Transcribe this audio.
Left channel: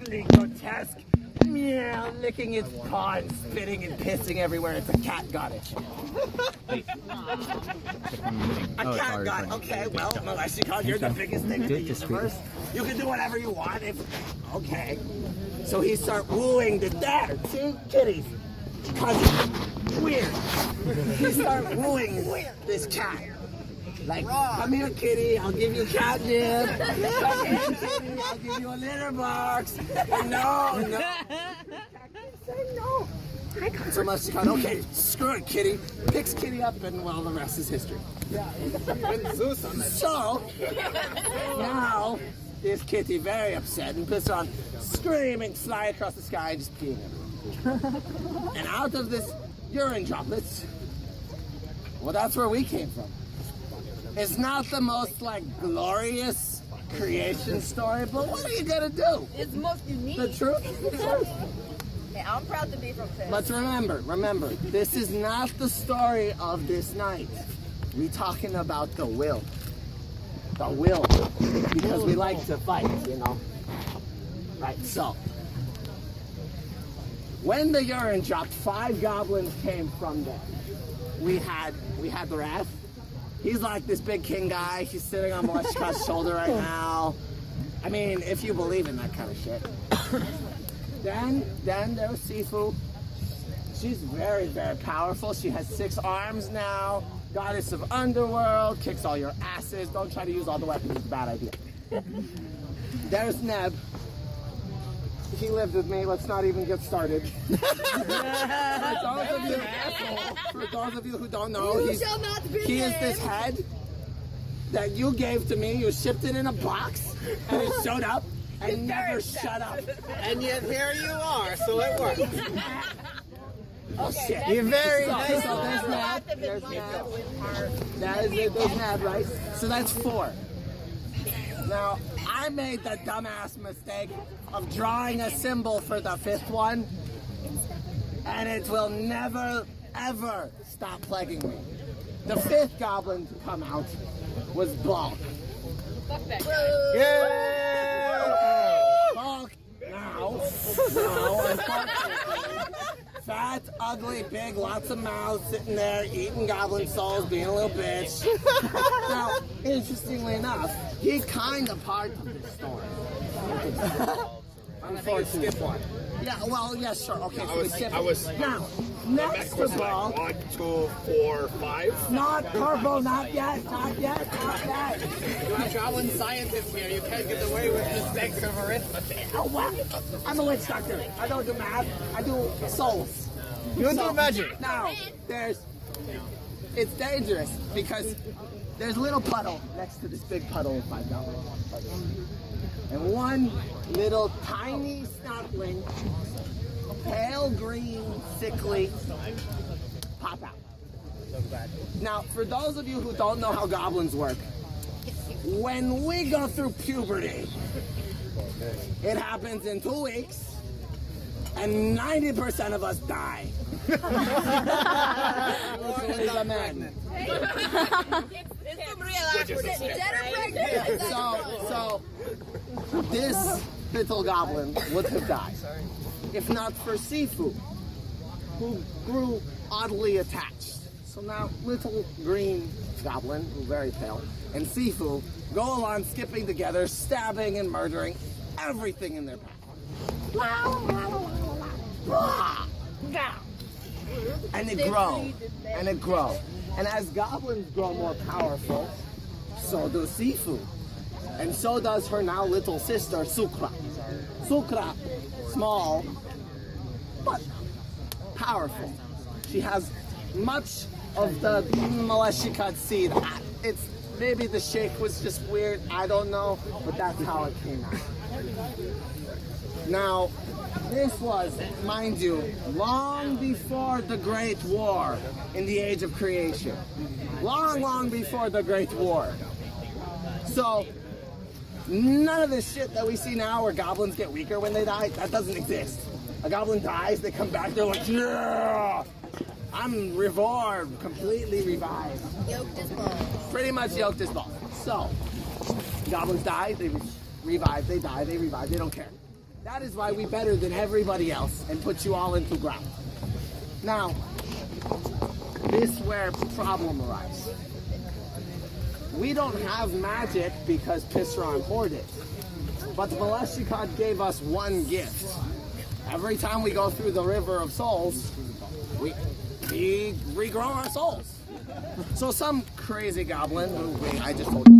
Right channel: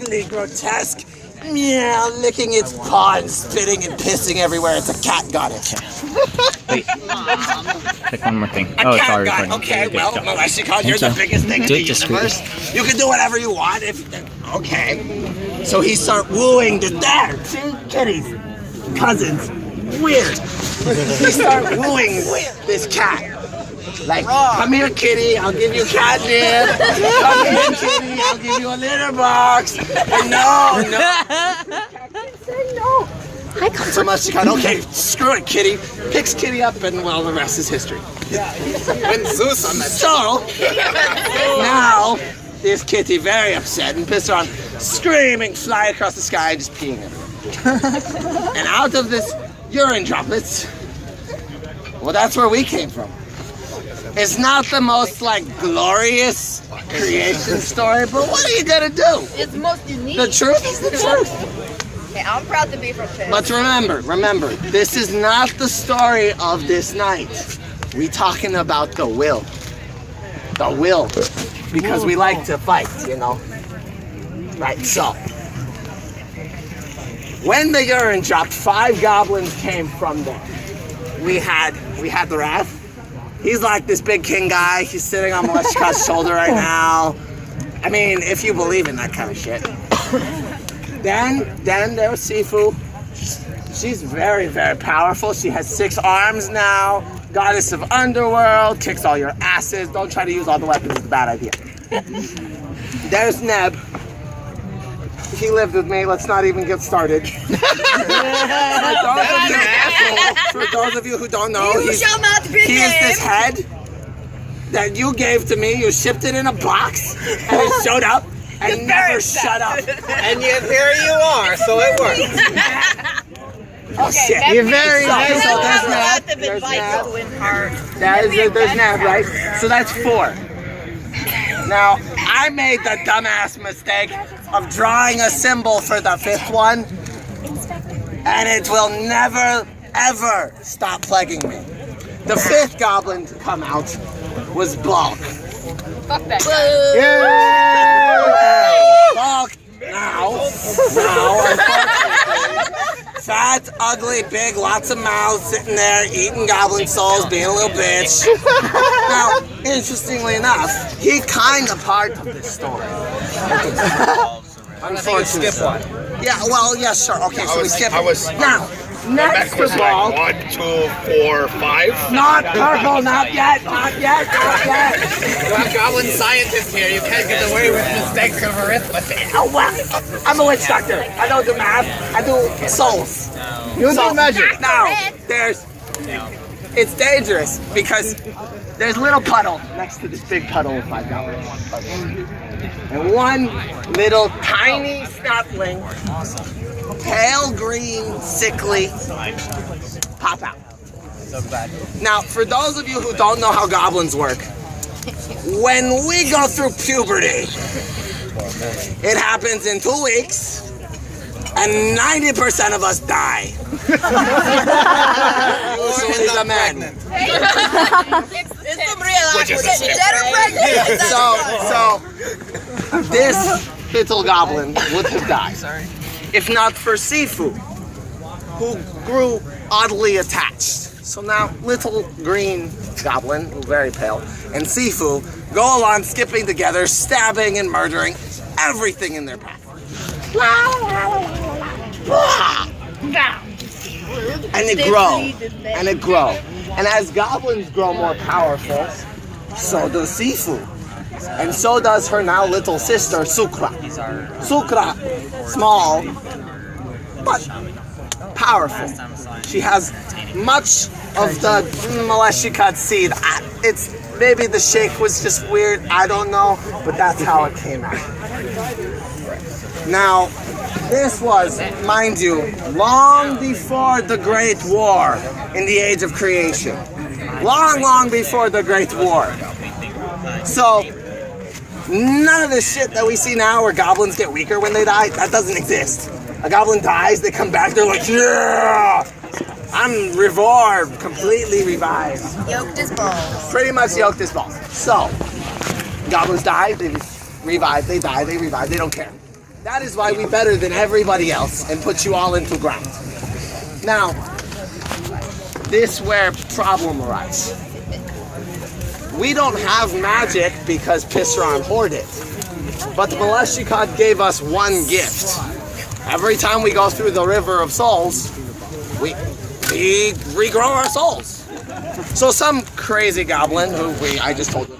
ugly, grotesque, meow, licking its paw and spitting and pissing everywhere. It's a cat goddess. Wait. Pick one more thing. A Oh, it's cat already god. recording. Okay, well, Meleshikon, you're the biggest thing in Do the it universe. discreetly. You can do whatever you want. Okay. So he start wooing there. See, kitties, cousins, weird. He start wooing this cat. Like, come here, kitty, I'll give you catnip. Come here, kitty, I'll give you a litter box. And no. Say no. I come so much to kind. Okay, screw it, kitty. Picks kitty up, and well, the rest is history. When Zeus on that. So now this kitty very upset and pissed her on, screaming, fly across the sky, just peeing everywhere. And out of this urine droplets, well, that's where we came from. It's not the most glorious creation story, but what are you gonna do? It's the most unique. The truth is the truth. Okay, I'm proud to be from Pitt. But remember, this is not the story of this night. We talking about the will. The will. Because we like to fight, you know. Right, so. When the urine dropped, 5 goblins came from there. We had the Wrath. He's like this big king guy. He's sitting on Meleshika's shoulder right now. I mean, if you believe in that kind of shit. Then there was Sifu. She's very, very powerful. She has 6 arms now. Goddess of Underworld, kicks all your asses. Don't try to use all the weapons, it's a bad idea. There's Neb. He lived with me. Let's not even get started. For those of you who don't know, he is this head that you gave to me. You shipped it in a box, and it showed up and never shut up. And yet here you are, so it works. Oh shit! You're very nice. So There's There's Neb, right? So that's 4. Now, I made the dumbass mistake of drawing a symbol for the 5th one, and it will never, ever stop plaguing me. The 5th goblin to come out was Bulk. Fuck that guy. Bulk now, unfortunately, fat, ugly, big, lots of mouths, sitting there eating goblin souls, being a little bitch. Now, interestingly enough, he kind of part of this story. Unfortunately. Skip one. Yeah, well, yeah, sure. Okay, so we skip. Now, Next next was of all, 1, 2, 4, 5. not purple, not yet. You have goblin scientists here. You can't get away with mistakes of arithmetic. Oh, well, I'm a witch doctor. I don't do math. I do souls. You do magic. Now, it's dangerous because there's a little puddle next to this big puddle with 5 goblins. And one little tiny snapling, pale green, sickly, pop out. Now, for those of you who don't know how goblins work, when we go through puberty, it happens in 2 weeks, and 90% of us die. Usually the men. It's some real dead or pregnant. So this little goblin would have died if not for Sifu, who grew oddly attached. So now little green goblin, very pale, and Sifu go along skipping together, stabbing and murdering everything in their path. And it grow. And as goblins grow more powerful, so does Sifu. And so does her now little sister, Sukra. Sukra, small, but powerful. She has much of the Meleshikat seed. It's maybe the shake was just weird, I don't know, but that's how it came out. Now, this was, mind you, long before the Great War in the Age of Creation. Long before the Great War. So, none of the shit that we see now where goblins get weaker when they die, that doesn't exist. A goblin dies, they come back, they're like, yeah! I'm revived, completely revived. Yoked as balls. Pretty much yoked as balls. So, goblins die, they revive, they die, they revive, they don't care. That is why we better than everybody else and put you all into ground. Now, this where problem arises. We don't have magic because Pisron hoarded. But the Maleshikad gave us one gift. Every time we go through the river of souls, we regrow our souls. So some crazy goblin who I just told you